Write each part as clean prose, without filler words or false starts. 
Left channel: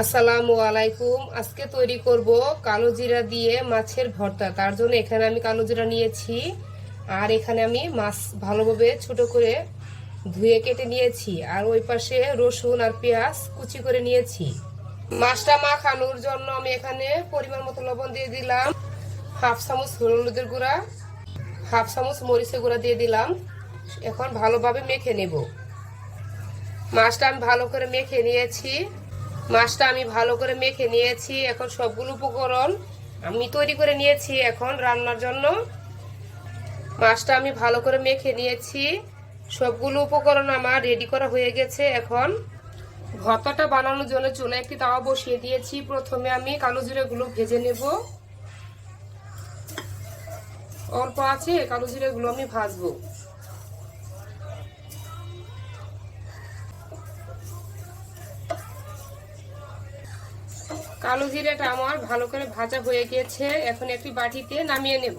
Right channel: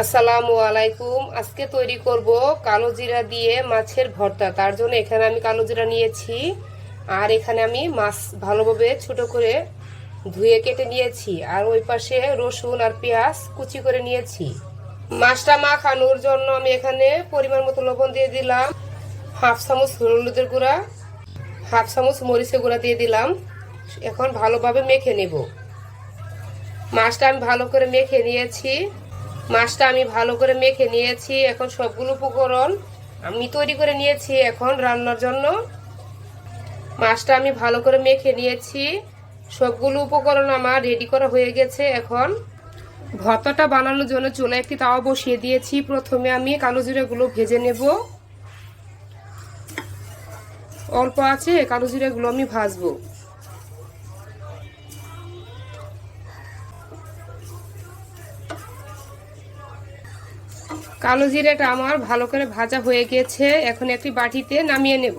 আসসালামু আলাইকুম। আজকে তৈরি করব কালো জিরা দিয়ে মাছের ভর্তা। তার জন্য এখানে আমি কালো জিরা নিয়েছি, আর এখানে আমি মাছ ভালোভাবে ছোট করে ধুয়ে কেটে নিয়েছি, আর ওই পাশে রসুন আর পেঁয়াজ কুচি করে নিয়েছি। মাছটা মাখানোর জন্য আমি এখানে পরিমাণ মতো লবণ দিয়ে দিলাম, হাফ চামচ হলুদের গুঁড়া, হাফ চামচ মরিচের গুঁড়া দিয়ে দিলাম। এখন ভালোভাবে মেখে নেব। মাছটা আমি ভালো করে মেখে নিয়েছি। এখন সবগুলো উপকরণ আমি তৈরি করে নিয়েছি। এখন রান্নার জন্য মাছটা আমি ভালো করে মেখে নিয়েছি। সবগুলো উপকরণ আমার রেডি করা হয়ে গেছে। এখন ভর্তাটা বানানোর জন্য চুলায় একটি তাওয়া বসিয়ে দিয়েছি। প্রথমে আমি কালো জিরাগুলো ভেজে নেব। অল্প আছে কালো জিরাগুলো আমি ভাজবো। কালো জিরাটা আমার ভালো করে ভাজা হয়ে গেছে। এখন একটি বাটিতে নামিয়ে নেব।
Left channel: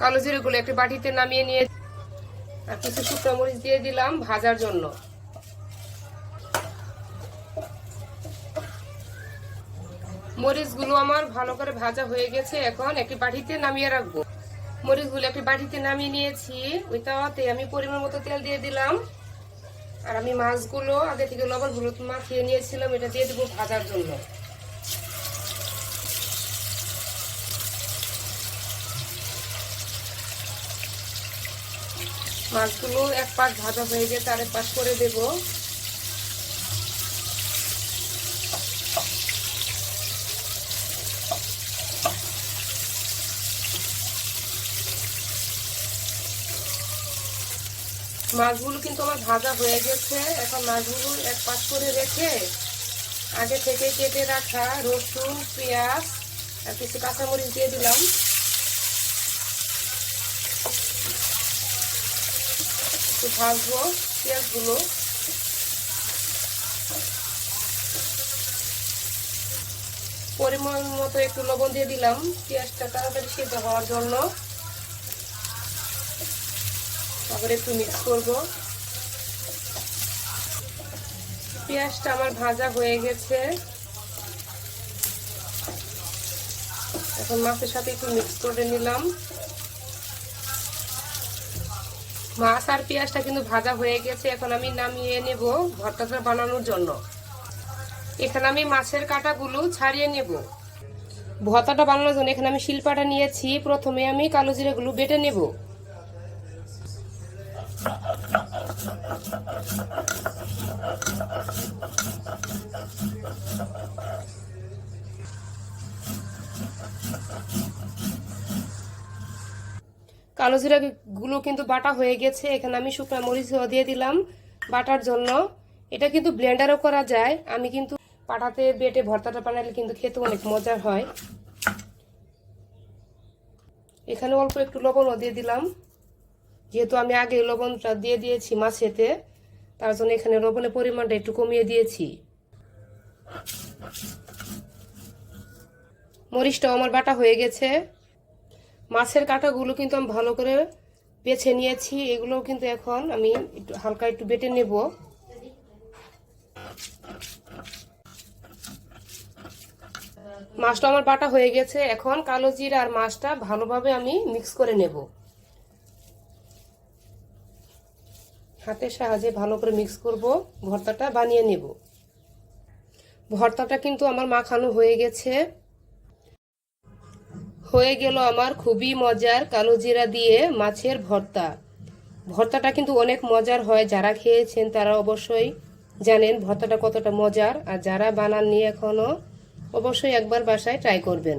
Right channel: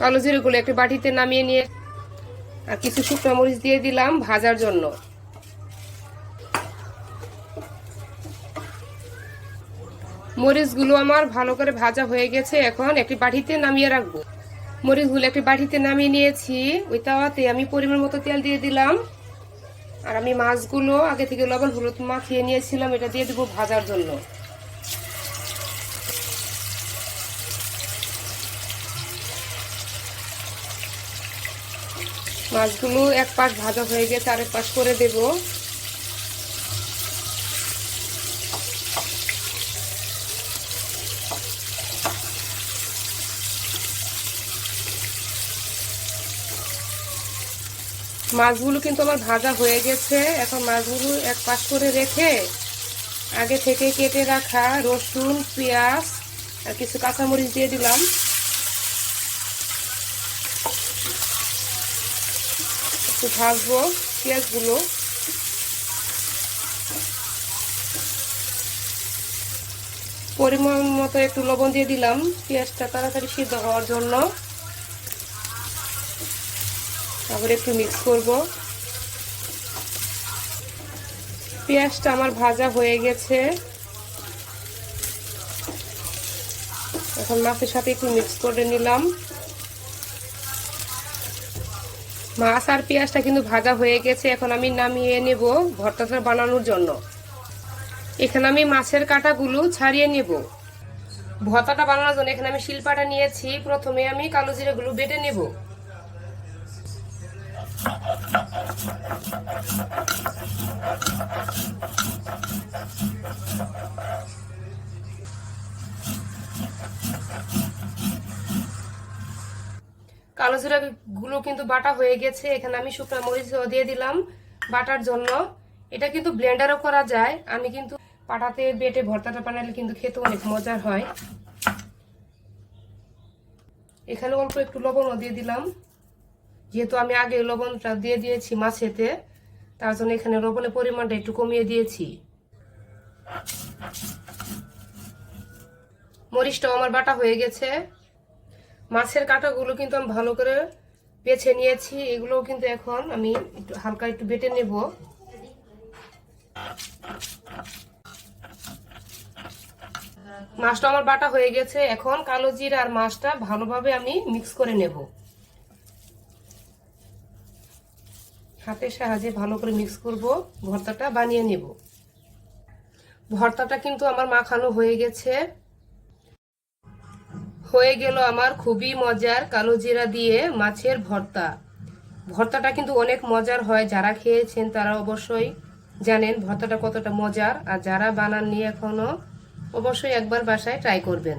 কালো জিরাগুলো একটি বাটিতে নামিয়ে নিয়ে আর কিছু শুকনো মরিচ দিয়ে দিলাম ভাজার জন্য। মরিচগুলো আমার ভালো করে ভাজা হয়ে গেছে। এখন একটি বাটিতে নামিয়ে রাখবো। মরিচগুলো একটি বাটিতে নামিয়ে নিয়েছি। ওই তাওয়াতে আমি পরিমাণ মতো তেল দিয়ে দিলাম, আর আমি মাছগুলো আগে থেকে লবণ হলুদ মাখিয়ে নিয়েছিলাম, এটা দিয়ে দেবো ভাজার জন্য। মাছগুলো এক পাশ ভাজা হয়ে গেছে, আর এক পাশ করে দেব। মাছগুলো কিন্তু আমার ভাজা হয়ে গেছে। এখন মাছগুলো এক পাশ করে রেখে আগে থেকে কেটে রাখা রসুন পেঁয়াজ আর কিছু কাঁচামরিচ দিয়ে দিলাম। একটু ভাজবো পেঁয়াজগুলো। পরিমাণ মতো একটু লবণ দিয়ে দিলাম পেঁয়াজটা তাড়াতাড়ি সিদ্ধ হওয়ার জন্য। তারপরে একটু মিক্স করব। পেঁয়াজটা আমার ভাজা হয়ে গেছে। এখন মাছের সাথে একটু মিক্স করে নিলাম। মাছ আর পেঁয়াজটা কিন্তু ভাজা হয়ে গেছে। এখন আমি নামিয়ে নেব ভর্তাটা বানানোর জন্য। এখানে আমি মাছের কাঁটাগুলো ছাড়িয়ে নেব। ভর্তাটা বানানোর জন্য এখানে আমি শিলপাটা নিয়েছি। প্রথমে আমি কালো জিরাগুলো বেটে নেব। কালো জিরা গুলো কিন্তু বাটা হয়ে গেছে। এখানে আমি শুকনো মরিচ দিয়ে দিলাম বাটার জন্য। এটা কিন্তু ব্লেন্ডারও করা যায়। আমি কিন্তু পাটাতে বেটে ভর্তাটা বানালে কিন্তু খেতে অনেক মজার হয়। এখানে অল্প একটু লবণও দিয়ে দিলাম, যেহেতু আমি আগে লবণটা দিয়ে দিয়েছি মাছেতে, তার জন্য এখানে লবণের পরিমাণটা একটু কমিয়ে দিয়েছি। মরিচটাও আমার বাটা হয়ে গেছে। মাছের কাঁটাগুলো কিন্তু আমি ভালো করে বেছে নিয়েছি। এগুলো কিন্তু এখন আমি একটু হালকা একটু বেটে নেব। মাছটা আমার বাটা হয়ে গেছে। এখন কালো জিরা আর মাছটা ভালোভাবে আমি মিক্স করে নেব। হাতের সাহায্যে ভালো করে মিক্স করব, ভর্তাটা বানিয়ে নেব। ভর্তাটা কিন্তু আমার মাখানো হয়ে গেছে। হয়ে গেল আমার খুবই মজার কালো জিরা দিয়ে মাছের ভর্তা। ভর্তাটা কিন্তু অনেক মজার হয়। যারা খেয়েছেন তারা অবশ্যই জানেন ভর্তাটা কতটা মজার, আর যারা বানাননি এখনো অবশ্যই একবার বাসায় ট্রাই করবেন।